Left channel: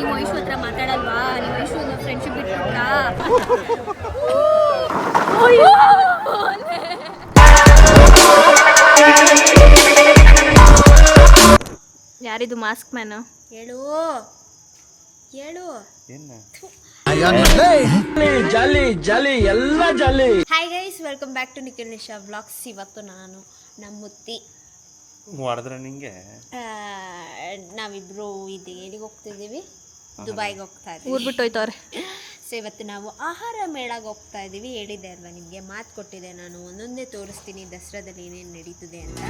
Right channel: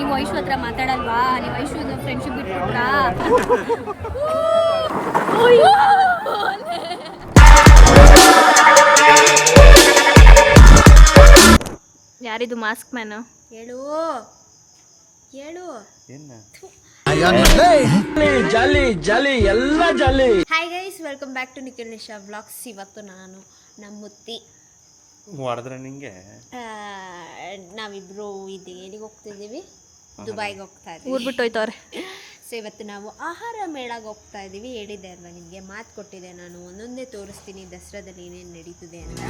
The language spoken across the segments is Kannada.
ನಿಮ್ಮ ವಯಸ್ಸು ಹತ್ರ ಮಾತಾಡಲ್ವಾ? ನಿಮ್ಮ ವಯಸ್ಸು ಫ್ರೆಂಡ್ಶಿಪ್ ಬಿಟ್ಬಿಟ್ರಾ? ಯಾರಿದು ಮಾಸ್ಕ್ ಮ್ಯಾನು? ಹೇಳು ಹೇಳು. Hi guys, welcome back to Nikhil Nisha vlogs. ಇವತ್ತು ನಾನು ನಮ್ಮ ಮುತ್ತಿ ನಾವಿಬ್ರು ಎಲ್ಲಿಗೆ ಹೋಗ್ತಿದ್ದೀವಿ? ದುಬೈಗೆ ಹೋಗ್ತಾ ಇದ್ದೀವಿ. ಊರು ಬಿಟ್ಟು ಹೋಯ್ತವ್ರೆ. ಸೊ ಇವತ್ತು ನಾವು ಆಹಾರ ಮೇಳಗೆ ಹೋಗ್ತಾ ಇದ್ದೀವಿ. ಹೇಳಿದ್ದೆ ಅಲ್ವಾ ನಿಮಗೆ, ಮಾತು ಕೊಟ್ಟಿದ್ದೆ ನಾನು. ಒಂದೊಂದೇ ತೋರಿಸ್ತೀನಿ ದಸರಾದಲ್ಲಿ ಏನೇನು ನಡೀತಿದೆ ಅಂತ.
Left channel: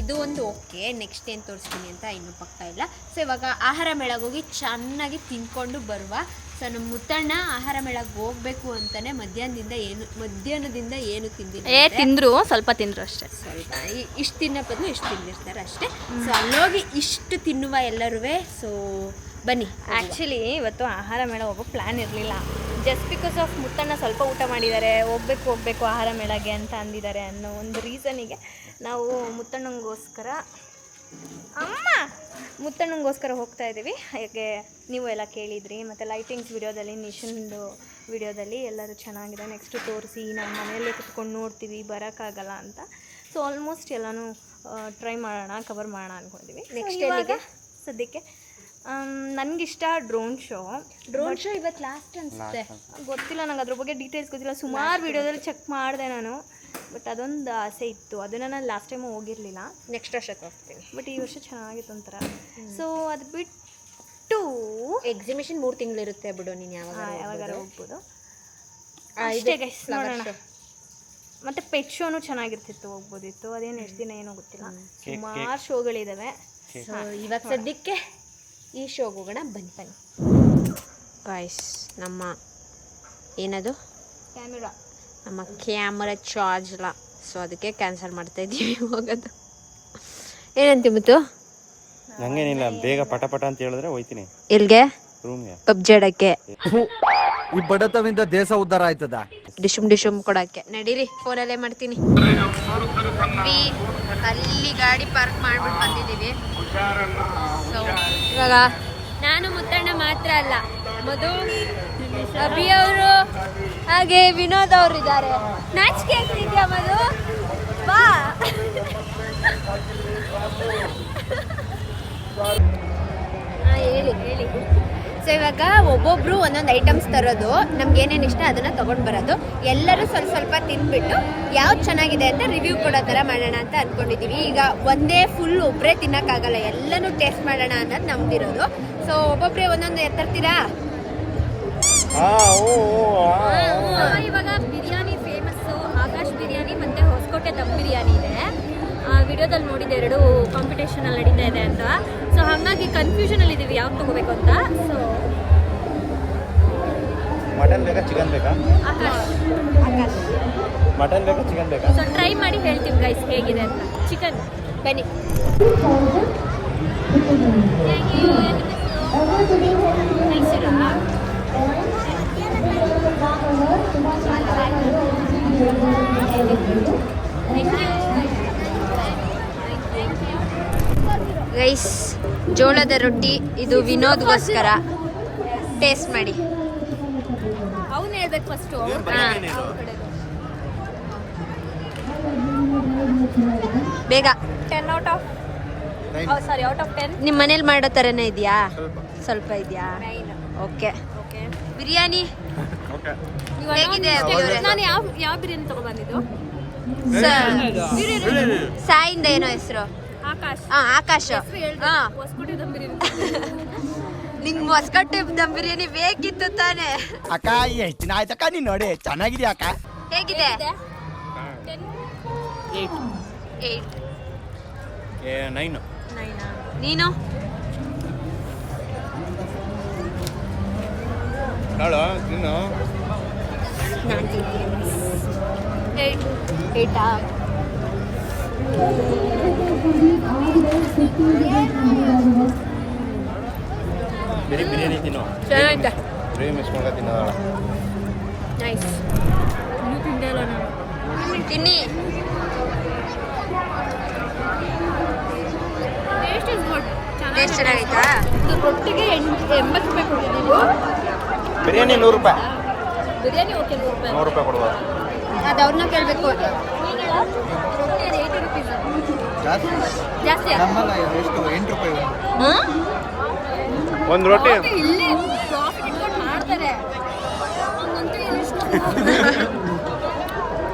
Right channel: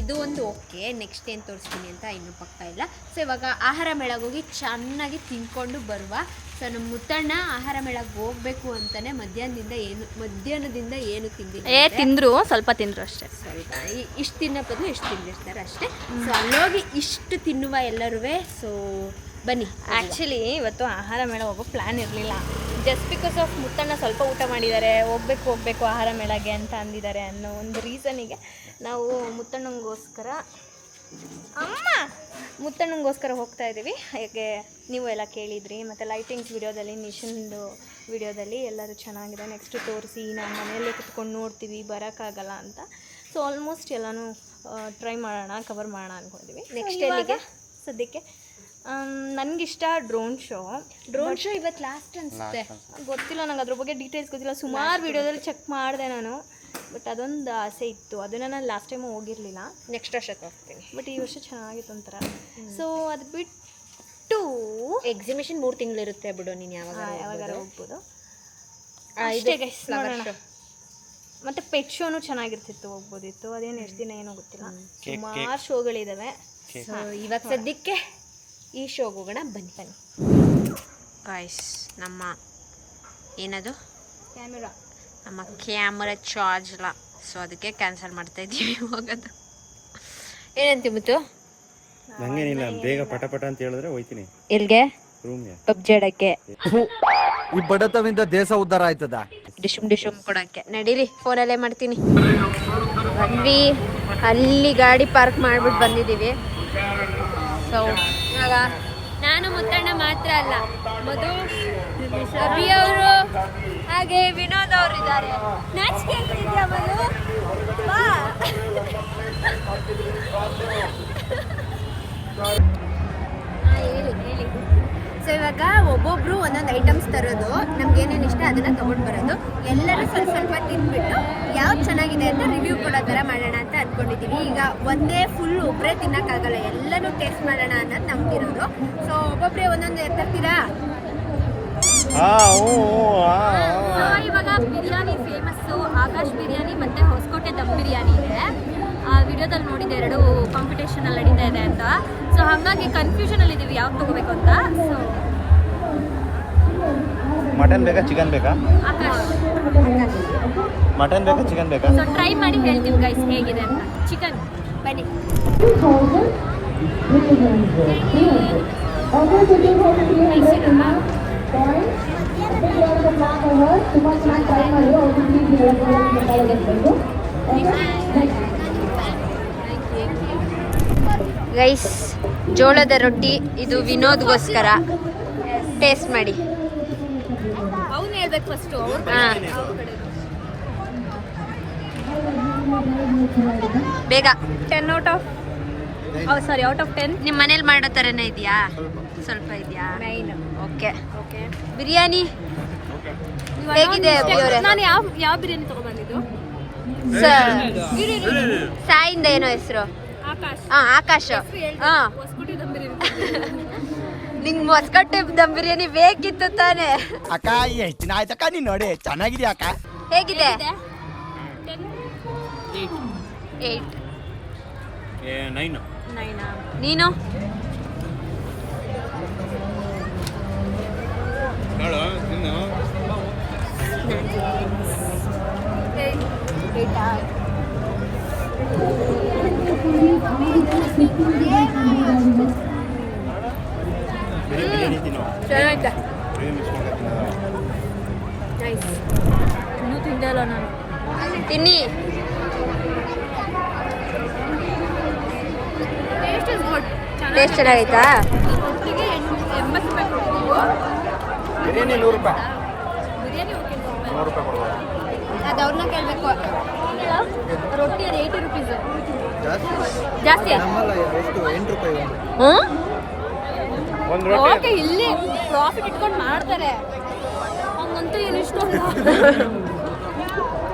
ಇದು ಒಂದು ಓಕೆ. ನೆಕ್ಸ್ಟ್ ಏನು ತೋರಿಸ್ತೀನಿ ಅಂತ ಇನ್ನೂ ಪಕ್ಕ ಇಲ್ಲ. ಸೊ ಇವಾಗ ಆಹಾರ ಮೇಳಗೆ ಹೋಗಿ ಚೆನ್ನಾಗಿ ತಿನ್ಕೊಂಡು ಬರುವ. ಸೊ ನಮ್ಮ ಮುತ್ತಣ್ಣ ಆಹಾರ ಮೇಳಕ್ಕೆ ಹೋಗ್ಬೇಕು ಅಂತಾನೆ ಮಧ್ಯಾಹ್ನದಿಂದ ಏನು ತಿಂದ್ರು, ಸ್ವಲ್ಪ ತಿಂದ್ರು ಅಷ್ಟೇ. ಸ್ವಲ್ಪ ಇಷ್ಟು ತಿನ್ನೋ ಬದಲು ಇಷ್ಟು ತಿಂದಿರ್ತಾರೆ ಅಷ್ಟೇ. ಸೊ ಅಲ್ಲೋಗಿ ಇಷ್ಟು ತಿನ್ನುವ ಎಲ್ಲರೂ. ಸೊ ಬನ್ನಿ. ಆ್ಯಕ್ಚುಲಿ ಇವತ್ತು ಆಹಾರ ಮೇಳ ಹೋಗೋ ಪ್ಲ್ಯಾನ್ ಇರಲಿಲ್ಲ. ಜಸ್ಟ್ ಬಿಕಾಸ್ ಆಫ್ ಮುತ್ತಣ್ಣ ಸ್ವಲ್ಪ ಊಟ ಮಾಡಿದ್ದಾರೆ, ಹೋಗ್ಬೇಕು ಆಹಾರ ಮೇಳಗೆ ಅಂತ ಅಂದಿದ್ದಾರೆ ಅನ್ನೋ ಒಂದು ರೀಸನಿಗೆ ನಾವು ಮುತ್ತಣ್ಣಂಗೋಸ್ಕರ ಹೋಗ್ತಾ ಇದ್ದೀವಿ. ಹಾಗೆ ನೀವು ಎಲ್ಲ ಕೇಳಿದ್ರಿ, ಮತ್ತು ಲೈಟಿಂಗ್ಸ್ ವಿಡಿಯೋದಲ್ಲಿ, ನಿಶನ್ದು ವಿಡಿಯೋದಲ್ಲಿ ಎಲ್ಲರೂ ಚೆನ್ನಾಗಿದೆ, ನೆಕ್ಸ್ಟ್ ತೋರಿಸಿ, ನಾವು ಮನೆಯಲ್ಲೇ ಕುತ್ಕೊಂಡು ನೋಡ್ತೀವಿ, ಬರೋಕ್ಕಾಗಲ್ಲ ಅಂತ. ಸೊ ಆಲ್ಮೋಸ್ಟ್ ಎಲ್ಲನೂ ಟ್ರೈ ಮಾಡೋಣ, ಕವರ್ ಮಾಡೋಣ ಅಂದ್ಕೊಂಡಿದ್ದೀವಿ. ನೆಕ್ಸ್ಟ್ ಎಲ್ಲಿಗೆ ಸದ್ಯಕ್ಕೆ ನನಗಿಷ್ಟ ಡ್ರೋನ್ ಶೋ ಇವತ್ತು ಲಾಸ್ಟ್ ಅನಿಸುತ್ತೆ. ಗೊತ್ತಿಲ್ಲ ನಂಗೆ ಅದ್ರ ಬಗ್ಗೆ ಡೀಟೇಲ್ಸ್ ಗೊತ್ತಿಲ್ಲ. ಸುಮಾರು ವಿಡಿಯೋದಲ್ಲಿ ಚೆಕ್ ಮಾಡಿದೆ ನಾನು, ಬಟ್ ಅದೊಂದು ಆಸೆ ಇತ್ತು. ಅದನ್ನು ನಾನು ಲಾಸ್ಟ್ ಟೈಮು ಹೋಗಿರಲಿಲ್ಲ. ನೆಕ್ಸ್ಟ್ ವರ್ಷಕ್ಕೆ ಹೋಗ್ತೀನಿ. ಬಟ್ ಈ ವರ್ಷ ಚೆನ್ನಾಗಿತ್ತು ಒಂಥರ. ಸೊ ಅದು ಬಿಟ್ಟು ಎಕ್ಸಿಬಿಷನ್ 3 ತಿಂಗಳಿರುತ್ತೆ ಬಿಡು, ನೀನು ಯಾವಾಗಾರ ಹೋಗ್ಬೋದು ಅಷ್ಟೇ ಗೈಸ್. ನೋಡೋಣ. ಮತ್ತು ಪೆಟ್ ಶೋನು ಚೆನ್ನಾಗಿರ್ತಿತ್ತು, ಹೋಗ್ಬೋದಿತ್ತು. ಅದೇನು ಎಷ್ಟು ದಿನ ಏನೋ ಗೊತ್ತಿಲ್ಲ. ಸುಮಾರು ಶೋಗಳಿದ್ದಾವೆ. ಸೊ ಇವಾಗ ಸದ್ಯಕ್ಕೆ ಈ ಶೋಗೆ ಹೋಗೋಣ. ಬನ್ನಿ ಗಾಯ್ಸ್. ನಮ್ಮ ಏನದು ನಮ್ಮ ಕ್ಯಾಮರಾ ಚಾರ್ಜ್ ಇಲ್ಲ, ಸೊ ಅದಕ್ಕೆ ಕ್ಯಾನ್ಸಲ್ ಮಾಡ್ತಾ ಇದ್ದೀವಿ ಹೋಗೋದು. ಏನಂತೀವಿ ಮುತ್ತು? ನಂಗೇನಿಲ್ಲ, ಬೇಗ ಪಟ ಅಂತ ಹೇಳಿದ್ರೆ ಹೋಯ್ತೀನಿ. ಎಲ್ಗೆ? ರೂಮ್ಗೆ. ಪಬ್ಜಿ ಆಡಕ್ಕೆ. ಈ ಬಡತವಿಂದ ದೇಶ ಉದ್ಧಾರ ಆಯ್ತದ. ಡಿಶುಮ್ ಕೊಡಕ್ಕೆ ನಡೀರಿ. ಫೋನಲ್ಲೇ ಮಾಡ್ತೀನಿ. ಬಂದ್ವಿ, ಅಲ್ಲಿ ಗಾಡಿ ಪಾರ್ಕ್ ಮಾಡ್ಬಿಟ್ಟು ಬಂದಿದ್ದೀವಿ. ಸೊ ಇವಾಗ ನಾನು ಮುತ್ತಣ್ಣ ಮಾತ್ರ ಅಲ್ಲ, ಮಧು, ಅಭಿ ಅವರು ಹಾಗೆ ವಿನೋದ್ ಅವರು ಇದ್ದಾರೆ. ನಾಚಿಕೆ ಆಗ್ತಿದ್ಯಾ ಮಧು? ಬಾ. ಹೇಳಿ. ಸೊ ಇವಾಗ ಒಬ್ಬೊಬ್ರು ಒಂದೊಂದು ಐಟಮ್ಸ್ ತರೋದು, ನಮ್ಗೆ ಏನೇನು ಇಷ್ಟ ಅದನ್ನ ತಗೊಂಡು ಬರೋದು. ಎಲ್ಲರೂ ಸ್ವಲ್ಪ ತಿಂದ್ಬಿಟ್ಟು ಯಾವ್ದು ಚೆನ್ನಾಗಿದೆ ಅಂತ ರಿವ್ಯೂ ಕೊಡೋ ಥರ ಮಾಡೋಣ ಅಂತ ಅಂದ್ಕೊಂಡಿದ್ದೀವಿ. ಈಗ ಒಂದೇ ಫುಲ್ ಒಬ್ಬರೇ ತಿನ್ನೋಕ್ಕಾಗಲ್ಲ, ಎಲ್ಲನೂ ಟೇಸ್ಟ್ ಮಾಡೋಣ ಅನ್ನೋದು ನಮ್ದಿರೋದು. ಸೊ ಒಬ್ಬೊಬ್ಬರೇ ಒಂದೊಂದು ತರ್ತೀರಾ? ಇವಾಗ ಬಿರಿಯಾನಿ ಫೇಮಸ್ಸು ಆಕಾಶ್ ಬಿರಿಯಾನಿ ಮತ್ತು ಹೊಸಕೋಟೆ ದಮ್ ಬಿರಿಯಾನಿ ಇದೆ. ವಿಡಿಯೋದಲ್ಲಿ ನೋಡಿದೆ, 2 ಕಾಂಪಿಟೇಷನಲ್ಲಿ ನಡೀತಾ ಇದೆ ಅಂತ. ಸೊ ಹಾಗಾಗಿ ಕನ್ಫ್ಯೂಷನಲ್ಲಿ ಇದ್ದೀವಿ ಯಾವ್ದು ತೊಗೋಬೇಕು ಅಂತ. ಸೊ ಮಟನ್ ಬೇಕಾ ಚಿಕನ್ ಬೇಕಾ? ಆಕಾಶ್ ಮಟನ್ ಬೇಕಾ ಚಿಕನ್ ಬೇಕಾ? ಸೊ ಟ್ರೈ ಮಾಡಿ ಹೇಳ್ತೀವಿ ಗೈಸ್ ಹೇಗಿದೆ ಅಂತ. ಚಿಕನ್. ಬನ್ನಿ. ಮೈಸೂರಾ? ಗೈಸ್, ಜೋಳದ ರೊಟ್ಟಿ ಇದು ವಿನೋದ್ಗೋಸ್ಕರ. ಟೇಸ್ಟ್ ಮಾಡಿ. ಅವನು ಹೇಳ್ಬೇಕು ಫಸ್ಟು. ಬೇಗ. 10 ಔಟ್ ಆಫ್ 10. ನಿಮ್ಮ ಮನೇಲಿ ಮಾಡೋ ಥರನೇ ಇದೆಯಾ? ಸ್ವಲ್ಪ ಇದೆಯಾ? ಓಕೆ. ಬಿರಿಯಾನಿ ಹೇಗಿದೆ? ನಾನು ಯಾವ ಬಿರಿಯಾನಿ ತಗೊಬಂದಿದ್ದು? ಸಾಯಿಂದ ಏನೋ ಹೆಸರು? ಆಕಾಶ್. ನಿಂಗೆ ಹೊಸಕೋಟೆ ದಮ್ ಬಿರಿಯಾನಿ ಬೇಕಿತ್ತು ತಾನೆ? ಅಕ್ಕ ಎಷ್ಟು ದಿನ ಆಯ್ತಕ್ಕ ನೀನ್ ನೋಡಿ, ಚೆನ್ನಾಗಿದ್ಯಾ ಅಕ್ಕ? ಹೇಗಿದೆ? 9. ನೀನು? ಬಿರಿಯಾನಿ ತಿನ್ನೋ. ಚೆನ್ನಾಗಿದೆ. ನೈಸ್. ಇನ್ನೂ ತಿಂದೇ ಇಲ್ಲ ನಾನು. ತಿನ್ನಿ. Taste is good. ಟೇಸ್ಟ್ ಚೆನ್ನಾಗೈತಾ? ರೊಟ್ಟಿಗೆ 80 ರೂಪಾಯಿ ಕೊಟ್ಟಿದ್ದೀವಿ. ಬಿರಿಯಾನಿ 100 ರೂಪಾಯಿ. ಬಿರಿಯಾನಿ ಓಕೆ 100 ರೂಪಾಯಿ. 100 ರೂಪಾಯಿ ಕೊಡೋದು. ಅದು ಅವ್ರನ್ನ ಕೇಳಬೇಕು. ರೊಟ್ಟಿ ಅದು 80 ರುಪೀಸ್. ಜಾಸ್ತಿ ಎಷ್ಟು 8 ರೂಪಾಯಿ ಒಂದು ರೊಟ್ಟಿ. ಓಕೆ, ಇಲ್ಲೇ ಪ್ರಾಫಿಟ್ ಇಟ್ಕೊಂಡು ಮಾಡ್ತಾರೆ. ಹಂಗಂತೂ ಏನಿಷ್ಟು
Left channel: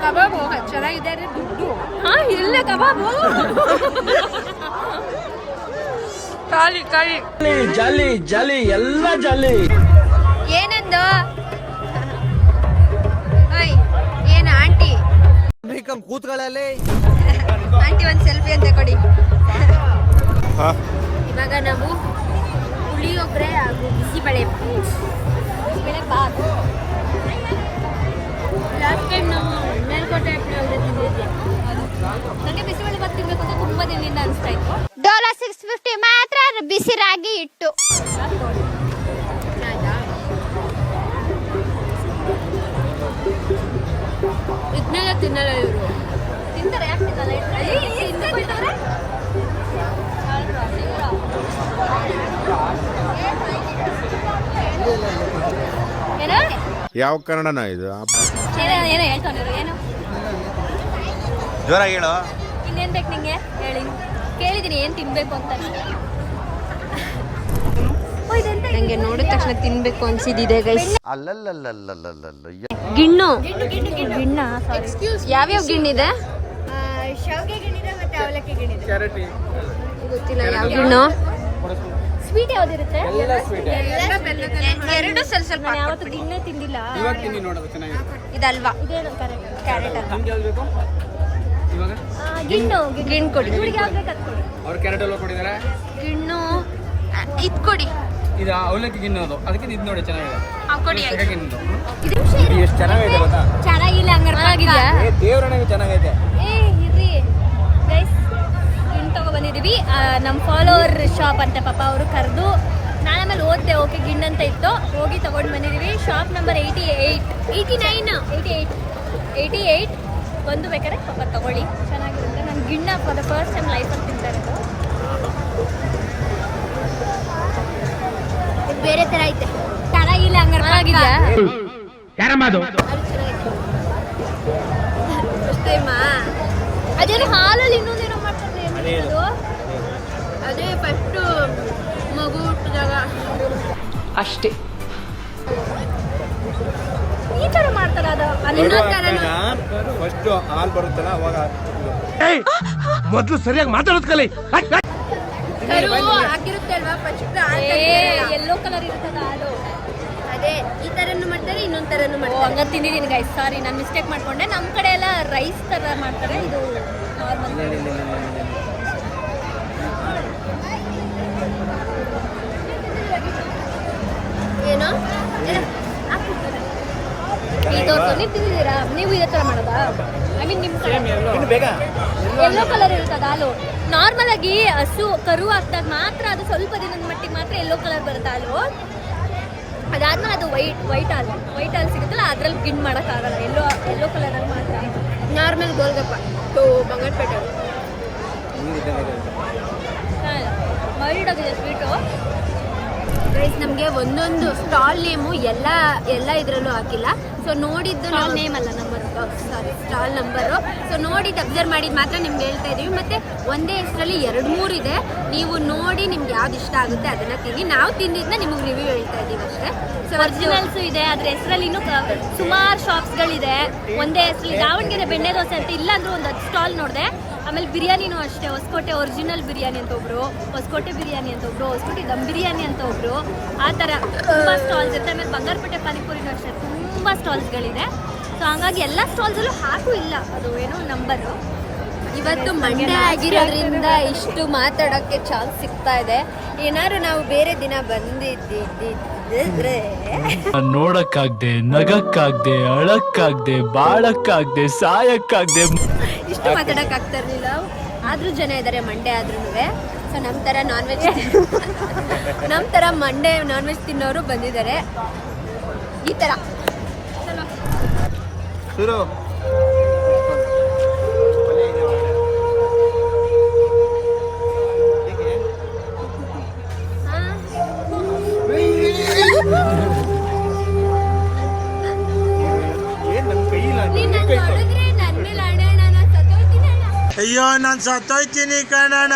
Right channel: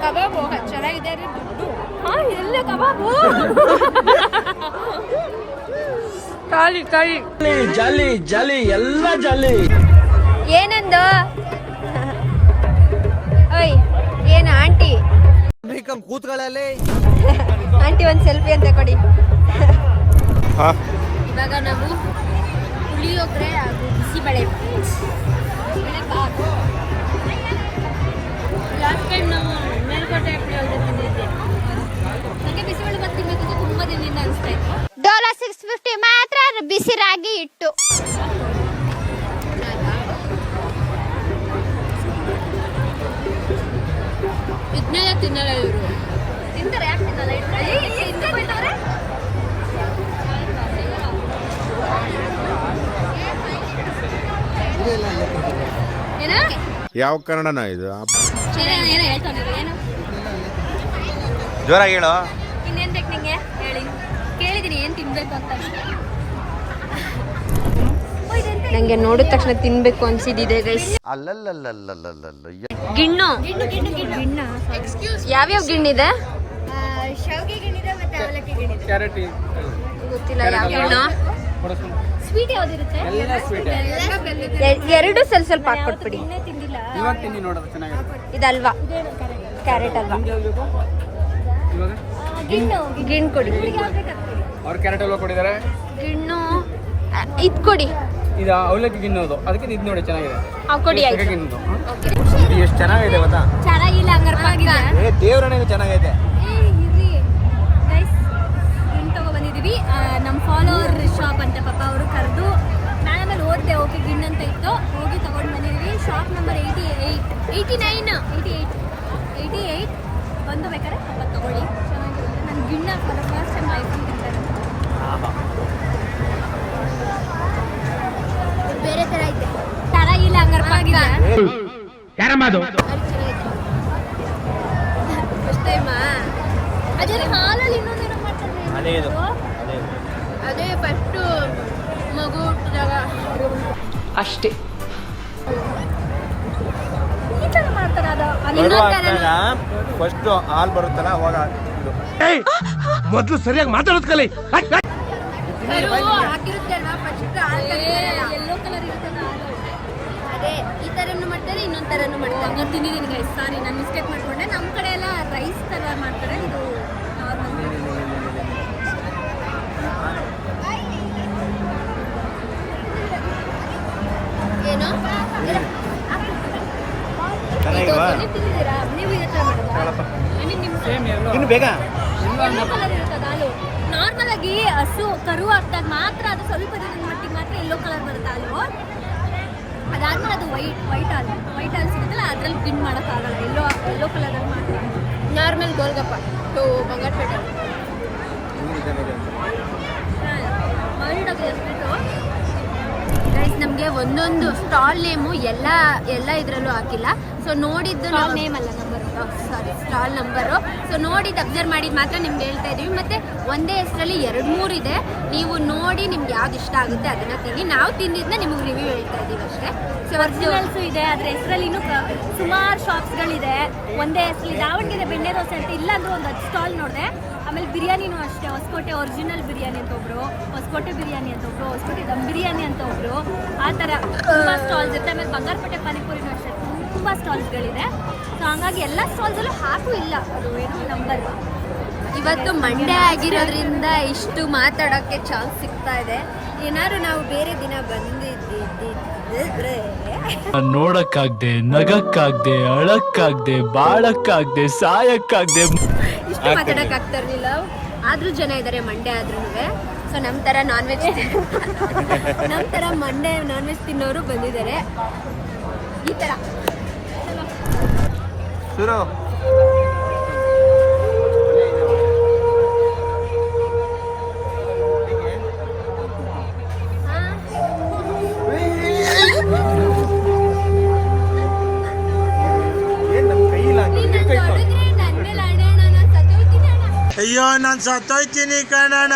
ಕಬಾಬು ಚೆನ್ನಾಗಿದೆ ಅಂದರೆ ದುಡ್ಡು. ಹಾಂ, ಇಲ್ಲೇ ಕಬಾಬು ಖಾಲಿ ಖಾಲಿ. ಜಾಲಿ ಜಾಲಿ ಎಲ್ಲ ಜಾಲಿ. ಏನಂದು? ಓಯ್, ಏನು ಆಂಟಿ? ಕೂತ್ಗಳಲ್ಲಿ ಆಂಟಿ ಒಂದು ಸೆಲ್ಫಿ ಅಂತ ಕೊಡಿ. ಹಾ, ಇವಾಗ ನಾವು ಪುಳಿಯೋಗರೆ ಹಾಗೂ ಬಿಸಿಬೇಳೆ ಬಾತ್. ಲಾಸ್ಟ್ ಟೈಮ್ ನಾವು ಮೇಲ್ಕೋಟೆ ಪುಳಿಯೋಗರೆ ತಿಂದಿದ್ದೆ. ನನಗೆ ಬಿಸಿಬೇಳೆ ಬಾತ್ ತಿನ್ಬೇಕು ಅಂತ ತುಂಬ ದಿನದಿಂದ ಅನಿಸ್ತಾ ಇತ್ತು. ಡೋಲಾ 650 ಮಾತ್ರ ಬಿಸಿ ರಾಗಿ ಇಟ್ಟು. ಇದನ್ನೆಲ್ಲ ತಿನ್ನಲ್ಲ ಇವರು. ತಿಂತಾರೆ, ಯಾಕೆ ತಿನ್ನಲ್ಲ? ಯಾವ ಕನ್ನಡನ ಇದು? ಏನೋ ಹೇಳ್ತಾನೆ. ಏನು ಜೋರಾಗಿ ಹೇಳು. ಇನ್ನೇನು ಬೇಕು ನಿಂಗೆ? ಹೇಳಿ, ಕೇಳಿದ್ದೀನಿ ಏನು ತಿನ್ಬೇಕು ಅಂತ. ನಂಗೆ ನೋಡಿದ ತಕ್ಷಣ ತಿನ್ಬೇಕು ಅನ್ಸಿದ್ದಿದೆ ಗೈಸ್. ಗಿಣ್ಣು. ಯಾವ್ಯಾವ ಗಿಣ್ಣಿದೆ? ಶಾವಿಗೆ ಗಿಣ್ಣಿದೆ ಮತ್ತೆ ಅವಲಕ್ಕಿ ಗಿಣ್ಣಿದೆ. ಗೊತ್ತಿಲ್ಲ ಯಾವ ಗಿಣ್ಣು. ಸ್ವೀಟ್ ಯಾವ್ದಿರುತ್ತೆ? ಎರಡು ಸ್ವಲ್ಪ ಹಾಕ್ಕೊಟ್ಬಿಡಿ. ಇದಲ್ವಾ? ಕ್ಯಾರೆಟ್ ಅಲ್ವಾ? ಗಿಣ್ಣು ಕೊಡಿ. ಅವ್ರು ಕ್ಯಾರೆಟ್ ಎಲ್ಲ ಕೊಟ್ಟಿದ್ದಾರೆ. ಗಿಣ್ಣು ಇದ್ ಕೊಡಿ. ಇದು ಅವಲಕ್ಕಿ ಗಿನ್ನೋದು, ಅದಕ್ಕೆ ಇದು ನೋಡಿ ಚೆನ್ನಾಗಿದೆ. ಕೊಡಿ ಆಯ್ತು. ಎಷ್ಟು ಚೆನ್ನಾಗಿದೆ ಗೊತ್ತಾ? ಚೆನ್ನಾಗಿಲ್ಲ ಹಂಗಾರೆ ದೇವ್ರನಿಗೆ ಚೆನ್ನಾಗೈತೆ. ಗಿಣ್ಣು ತಗೊಬಂದಿದ್ದೀವಿ. ನಮ್ಮ ಫಾಲೋವರ್ ಶಾಪ್ ಅಂತ ಪಾಪ ಅವರು ಕರೆದು ನಾನು ಆಮೇಲೆ ಓದಿದೆ. ಓಕೆ, ಗಿಣ್ಣು ಅಂತ ಇತ್ತು. ಹೋಗಿ ತಗೊಂಡು ಬಂದಿದ್ದೀವಿ. ಶಾಪ್ ನಂಬರ್ 88 ಬಂದು ಬೇಕಾದ್ರೆ ಪಾಪ ತಗೊಳ್ಳಿ, ಚೆನ್ನಾಗಿರುತ್ತೆ. ನಾನು ಗಿಣ್ಣ ಫಾರ್ ದ ಫಸ್ಟ್ ಟೈಮ್ ಲೈಫಲ್ಲಿ ತಿಂತಾ ಇರೋದು. ಬೇರೆ ಥರ ಐತೆ. ಚೆನ್ನಾಗಿಲ್ಲ ಹಂಗಾರೆ ಅದು ಚೆನ್ನಾಗೈತೆ. ಫಸ್ಟ್ ಟೈಮಾ? ಅದೇನು ಹಾಲಲ್ಲಿ ಇನ್ನೊಂದೇನೋ ಮಾಡ್ತಾರೆ. ಅದೇ ಫಸ್ಟು ಮಗು ಹುಟ್ಟಿದಾಗ ಅಷ್ಟೇ. ಈ ಥರ ಮಾಡ್ತಾರೆ. ಅದು ಇನ್ನೊಂದು ಥರನೂ. ಫಸ್ಟ್ ಹಾಲು ಬರುತ್ತಲ್ಲ ಅವಾಗ ಮೊದಲು ಸರಿಯಾಗಿ ಮಾತಾಡೋದು ಕಲಿ. ಹಾಕಿರುತ್ತೆ ಅಲ್ವಾ ಫಸ್ಟ್. ಯೆಲ್ಲೋ ಕಲರ್ ಇರ್ತದ ಹಾಲು. ಅದೇ ಈ ಥರನೂ ಮಾಡ್ತಾರೆ, ಇನ್ನೊಂದು ಥರನೂ ಮಾಡ್ತಾರೆ. ಹಂಗೆ ತಿಂದಿದ್ದೀನಿ ಗೈಸ್, ಸಾರಿ ನಾನು ಮಿಸ್ಟೇಕ್ ಮಾಡ್ಕೊಂಡೆ. ನಮ್ಮ ಕಡೆ ಎಲ್ಲ ರೈಸ್ ಥರ ಮಾಡ್ತಾರೆ, ಇದು ನಾರ್ಮಲ್. ಏನು ಈ ತೋರ್ಸು. ನೀವು ತಿಂದಿದ್ದೀರಾ? ನೀವು ಇದೇ ಥರ ಮಾಡೋದಾ? ಐ ಮೀನ್ ನಿಮ್ಮ ಯೆಲ್ಲೋ ಕಲರ್ ಇರ್ತದ ಹಾಲು. ನಾರ್ಮಲ್ ಆಗಿ ಹಸು ಕರು ಹಾಕಿದಾಗ ಮಾತ್ರ ಅದು ಸ್ವಲ್ಪ ದಿನದ ಮಟ್ಟಿಗೆ ಮಾತ್ರ ಯೆಲ್ಲೋ ಕಲರ್ ಬರುತ್ತೆ ಹಾಲು. ಅದಾದ್ಮೇಲೆ ಅದು ವೈಟ್ ಹಾಲು ಸಿಗುತ್ತಲ್ಲ, ಅದ್ರಲ್ಲಿ ಗಿಣ್ಣು ಮಾಡೋಕ್ಕಾಗಲ್ಲ. ಯೆಲ್ಲೋ ಕಲರಲ್ಲಿ ಮಾತ್ರ. ನಾರ್ಮಲ್ ಗೋಲ್ಗಪ್ಪ ಬಂಗಾರಪೇಟೆ ವೈಟ್ ಆಗಿದೆ ಸ್ವೀಟು. ಗೈಸ್, ನಮಗೆ ಒಂದೊಂದು ಸ್ಟಾಲ್ ನೇಮು ಎಲ್ಲ ಇದರಲ್ಲೂ ಹಾಕಿಲ್ಲ. ಸೊ ನೋಡಿದ್ದು ನಾವು ನೇಮ್ ಅಲ್ಲ, ನಂಬರು, ಸಾರಿ ಸ್ಟಾಲ್ ನಂಬರು. ಸೊ ನೋಡಿದ್ದು ಅಬ್ಸರ್ವ್ ಮಾಡಿದ್ದು ಮಾತ್ರ ನಿಮ್ಗೆ ಹೇಳ್ತಾ ಇದ್ದೀವಿ. ಮತ್ತು ಒಂದೇ ಹೆಸರಲ್ಲಿ 2-3 ಇದೆ. ನೀವು ನೋಡಿ ನಿಮ್ಗೆ ಯಾವ್ದು ಇಷ್ಟ ಆಗುತ್ತೆ ಅದನ್ನು ತಿನ್ನಿ. ನಾವು ತಿಂದಿದ್ದನ್ನ ನಿಮಗೆ ರಿವ್ಯೂ ಹೇಳ್ತಾ ಇದ್ದೀವಿ ಅಷ್ಟೇ. ಸೊ ಒರಿಜಿನಲ್ಸು ಇದೆ, ಅದ್ರ ಹೆಸರಲ್ಲಿ ಇನ್ನೂ ಸುಮಾರು ಶಾಪ್ಸ್ಗಳಿದೆ. ಒಂದೇ ಹೆಸರಲ್ಲಿ ದಾವಣಗೆರೆ ಬೆಣ್ಣೆ ದೋಸೆ ಅಂತ ಇಲ್ಲಾಂದ್ರೂ ಒಂದು 10 ಸ್ಟಾಲ್ ನೋಡಿದೆ. ಆಮೇಲೆ ಬಿರಿಯಾನಿನೂ ಅಷ್ಟೇ. ಹೊಸಕೋಟೆ ಒರಿಜಿನಲ್ ಬಿರಿಯಾನಿ ಅಂತ ಒಬ್ರು, ಹೊಸಕೋಟೆ ಬಿರಿಯಾನಿ ಅಂತ ಒಬ್ರು, ಹೊಸಕೋಟೆ ದಮ್ ಬಿರಿಯಾನಿ ಅಂತ ಒಬ್ರು, ಆ ಥರ ತುಂಬ ಸ್ಟಾಲ್ಸ್ ಇರುತ್ತೆ. ಆಮೇಲೆ ಬಂಗಾರಪೇಟೆ ಪಾನಿಪುರಿನೂ ಅಷ್ಟೇ, ತುಂಬ ಸ್ಟಾಲ್ಸ್ಗಳಿದೆ. ಸೊ ಹಂಗಾಗಿ ಎಲ್ಲ ಸ್ಟಾಲ್ಸಲ್ಲೂ ಹಾಕೂ ಇಲ್ಲ ಅದು ಏನೋ ನಂಬರು. ಇವತ್ತು ಮಂಡೇ ಆಗಿರೋದ್ರಿಂದ ಇಷ್ಟು ಮಾತಾಡೋಕ್ಕೆ ಚಾನ್ಸ್ ಸಿಗ್ತಾ ಇದೆ. ಏನಾದ್ರು ನಾವು ಬೇರೆ ದಿನ ಬಂದಿದ್ದಿದ್ರೆ ನೋಡಕ್ಕಾಗ್ದೆ, ನಗಕ್ಕಾಗ್ದೆ, ಅಳಕ್ಕಾಗ್ದೆ, ಬಾಳಕ್ಕಾಗ್ದೆ, ಸಾಯಕ್ಕಾಗ್ದೆ, ಇಷ್ಟು ಮಾತಾಡೋಕ್ಕಾಗ್ತಾ ಇರಲಿಲ್ಲ. ಆದರೂ ಜನ ಇದ್ದಾರೆ ಮಂಡೇ ಆದ್ರೂ. ಸೊ ನಮ್ಮ ಥರ ಮಂಡೇ ನಾನ್ ವೆಜ್ ತಿನ್ನೋರು ಬಂದಿದ್ದಾರೆ. ಈ ಥರ ಚಲೋ ಶುರು ಏನ್ ನನ್ ಕೈ ಇಲ್ಲ ಅಯ್ಯೋ ನಾನು ಸತ್ತೋಯ್ತೀನಿ ಕಣಣ್ಣ.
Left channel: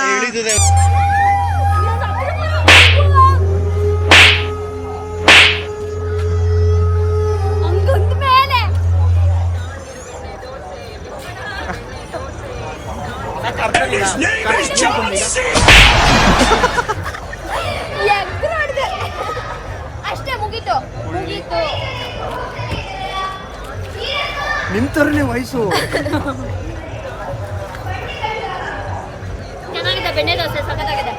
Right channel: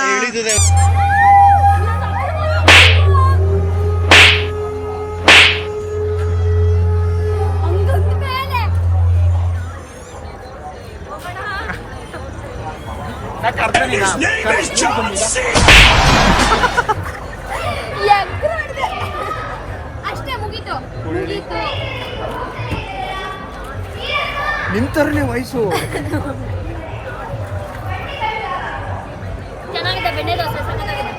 ಅಷ್ಟೇ ಮುಗೀತು ಮುಗೀತು. ನಿಂತರನೇ ವಯಸ್ಸು. ಚೆನ್ನಾಗಿದೆ ಬೆಣ್ಣೆ ದೋಸೆ ಸಖತ್ತಾಗಿದೆ.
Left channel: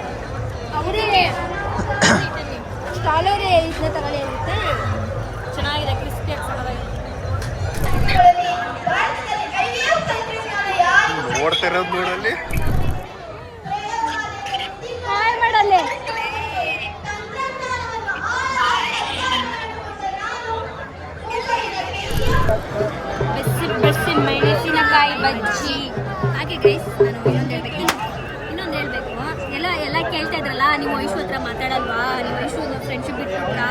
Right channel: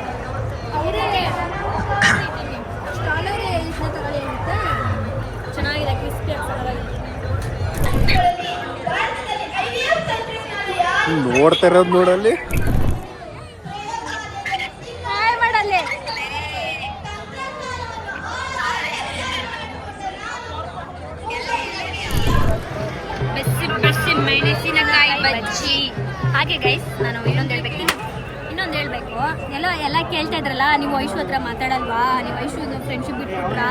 ಅವರೇ ಸ್ಟಾಲರೇ ಇದನ್ನ ತಗೊಳ್ಳಿ ಅಂತ. ಚೆನ್ನಾಗಿದೆ ಕ್ರಿಸ್ಪಿ ಸಖತ್ತಾಗಿದೆ. ನೋಡ್ತಾ ಇರೋದು ನೋಡಲ್ಲಿ. ಹಾಯ್ ಮಾಡಲ್ಲೇ. ಬೆಸ್ಸಿ ಬೆಸ್ಸಿ ಮೆಣಸಿನಕಾಯಿ ಬಜ್ಜಿ. ಹಾಗೆ ಗೈಸ್ ನಾನು ಇನ್ನೊಂದು ಹೇಳ್ಬೇಕು. ಎಲ್ಲ ಕೇಳ್ತಾ ಇದ್ರಲ್ಲ, ನೀವು ಐಶು ಹತ್ರ ಮಾತಾಡಲ್ವಾ, ನೀವು ಐಶು ಫ್ರೆಂಡ್ಶಿಪ್ ಬಿಟ್ಬಿಟ್ರಾ,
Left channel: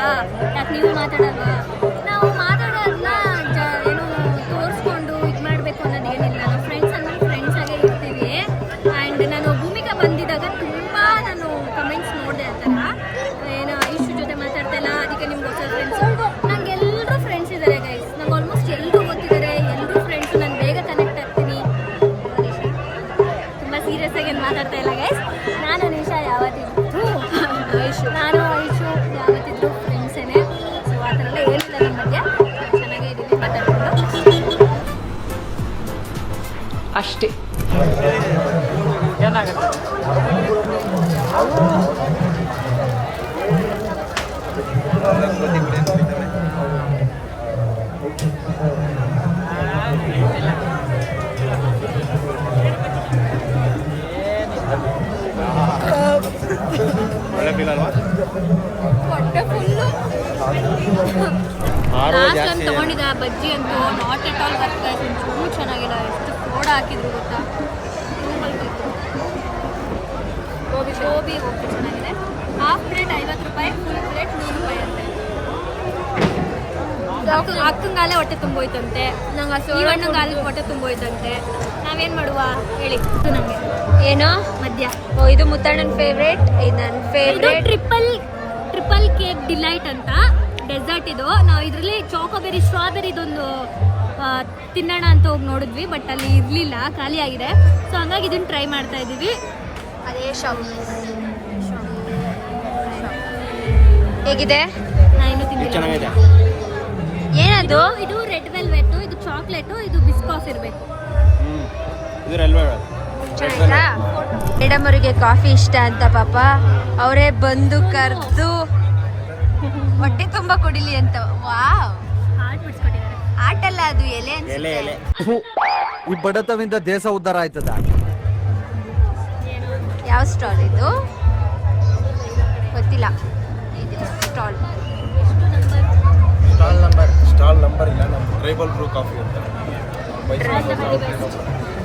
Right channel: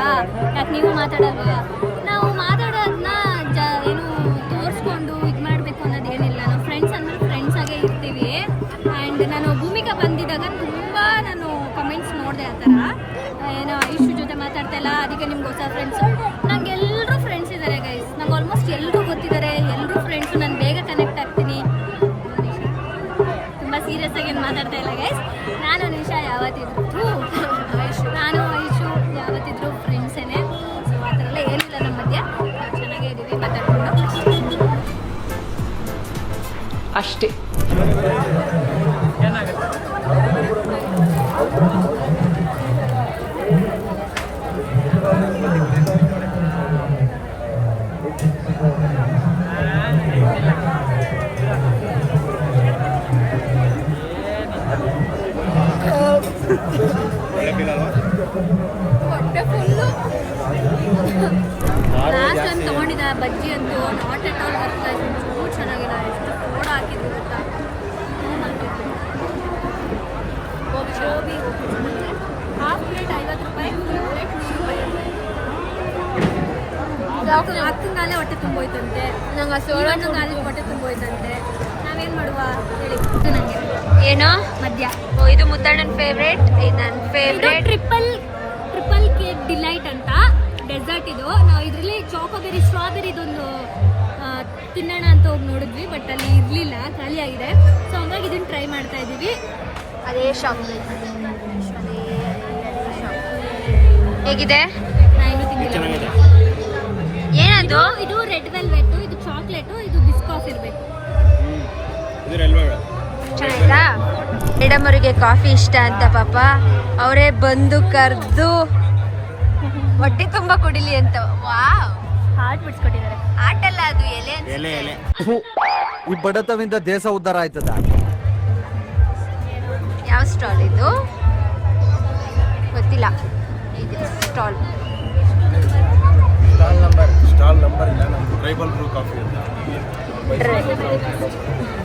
ಯಾಕೆ ನೀವು ಮಾತಾಡಲ್ವಾ? ನಾವು ಮಾತಾಡೋದನ್ನ ಏನು ತೋರಿಸ್ಕೊಂಡು ಇದು ಮಾಡಬೇಕು ಅನ್ನೋದೇನಿಲ್ಲ. ನಾವು ಫ್ರೆಂಡ್ಸ್ ಅಂದ್ಮೇಲೆ ಫ್ರೆಂಡ್ಸ್ ಆಗೇ ಇರ್ತೀವಿ. ಆ್ಯಂಡ್ ನಾನು ಭೂಮಿಕಾ ಬಂದಿದ್ದಾಗ ತುಂಬ ನಾನು ಕಮೆಂಟ್ಸ್ ನೋಡಿದೆ ಆ ಥರ, ಏನೋ ಐಶು ಜೊತೆ ಮಾತಾಡ್ತಾ ಇಲ್ಲ, ಅದಕ್ಕೆ ನಿಮ್ಗೆ ಹೊಸ ಫ್ರೆಂಡ್ಸು. ನಂಗೆ ಎಲ್ಲರೂ ಫ್ರೆಂಡ್ಸ್ ಇದ್ದಾರೆ ಗೈಸ್, ನಂಗೆ ಆಲ್ಮೋಸ್ಟ್ ಎಲ್ಲರೂ ಗೊತ್ತಿದ್ದಾರೆ, ಎಲ್ಲರೂ ಫ್ರೆಂಡ್ಸು. ನಾನು ಬೇಗ ಕನೆಕ್ಟ್ ಆಗ್ತೀನಿ. ತುಂಬ ಸೀರಿಯಸ್ ಆಗಿ ಏನು ಮಾತಾಡ್ತಾ ಇಲ್ಲ ಗೈಸ್. ನಾನು ನಿಶಾ ಯಾವತ್ತಿದ್ರು ಐಶು ಯಾವತ್ತಿದ್ರು ಫ್ರೆಂಡ್ಸೇನೆ. ಸೊ ಆ ಥರ ಎಲ್ಲ ಏನಿಲ್ಲ ನಮ್ಮ ಮಧ್ಯ, ಚೆನ್ನಾಗೇ ಇದ್ದೀವಿ ಮಾತಾಡ್ಕೊಂಡು ಅಷ್ಟೇ. ಹೊಟ್ಟೆ ಫುಲ್ಲು. ಲಾಸ್ಟ್ ಟೈಮ್ ತೊಗೊಂಡಿದ್ದ ಬಜ್ಜಿ ಅಂತೂ ನಾಟ್ ಎಟ್ ಆಲ್ ಬರ್ತಾ ಒಂಚೂರು ಚೆನ್ನಾಗಿಲ್ಲ. ಎಷ್ಟು ಸೋಡ ಹಾಕಿದ್ರು ಗೊತ್ತಾ, ಗೋಬಿ ಚೆನ್ನಾಗಿದೆ. ಹಾಫ್ ಪ್ಲೇಟ್ 50 ರೂಪಾಯಿ, ಫುಲ್ ಪ್ಲೇಟ್ 100 ರೂಪಾಯಿ ಅಂತೆ. ಅಕ್ಕಂಗಾಲೆ ಹೊಟ್ಟೆ ತುಂಬೋಯ್ತಂತೆ, ನಂಗೆ ಸೋಡಣ್ಣಗಾಲೆ ಹೊಟ್ಟೆ ತುಂಬೋಯ್ತಂತೆ. ನಾವೇನು ಮಾಡುವ ಹೇಳಿ? ಇದು ನನಗೆ ಏನೋ ಮಧ್ಯ. ಇದು ಮುತ್ತಣ್ಣನ ಫೇವ್ರೇಟ್, ಇದು ನನ್ನ ಫೇವ್ರೇಟ್. ಟ್ರಿಪಲ್ ಕೇಕ್ ಡಿಲೈಟ್ ಅಂತ ಡೆಸರ್ಟ್ ಇದು. ನಾವು ಇದರಲ್ಲಿ ಚಾಕೋಬೆರಿ ಸ್ಟ್ರಾಬೆರಿದೊಂದು ತಿನ್ನೋಣ ಅಂತ ಹೋಗಿ ನೋಡಿದ್ವಿ, ಬಟ್ ಅಲ್ಲಿ ಇರಲಿಲ್ಲ, ಖಾಲಿ ಆಗಿದೆ. ಸೊ ಹಂಗಾಗಿ ಇದನ್ನು ಟ್ರೈ ಮಾಡ್ತಾ ಇದ್ದೀವಿ. ಅದೇ ಶಾಪ್ ಹೇಗಿದೆ? ನಾ ಇನ್ನೂ ತಿಂದಿಲ್ಲ. ಏನದು? ಇದು ರೆಡ್ ವೆಲ್ವೆಟ್, ಇದು ಚಾಕ್ಲೇಟು, ಇದು ಬಿಸ್ಕಾಸ್ ಇರಬೇಕು. ಚೆನ್ನಾಯ್ತಾ? ಮೇಡಮ್ ಅವರಿಗೆ ಕಾಫಿ ಇಷ್ಟ ಅಂತ ಪಾಪ ಅವರೇ ಬಂದು ಕರೆದು ಹೊಟ್ಟೆ ತುಂಬ ಕುಡಿಲಿ ಅಂತ. Wow, heart ಬಿಡ್ಸ್ಕೊಟ್ಟಿದ್ದಾರೆ. ಆಟಲ್ಲ ಅದು, ಎಲೆ ಅನ್ಸುತ್ತೆ. ಈ ಬಡತವಿಂದ ದೇಶ ಉದ್ಧಾರ ಆಯ್ತದ. ಯಾವ ಸ್ಟಾಲ್ ಇದು ಗೊತ್ತಿಲ್ಲ. ಸ್ಟಾಲ್ ನಂಬರ್ ಇಲ್ಲ, ನಮ್ದು ಟ್ರೈಬಲ್ ಬ್ರೂ ಕಾಫಿ ಅಂತ.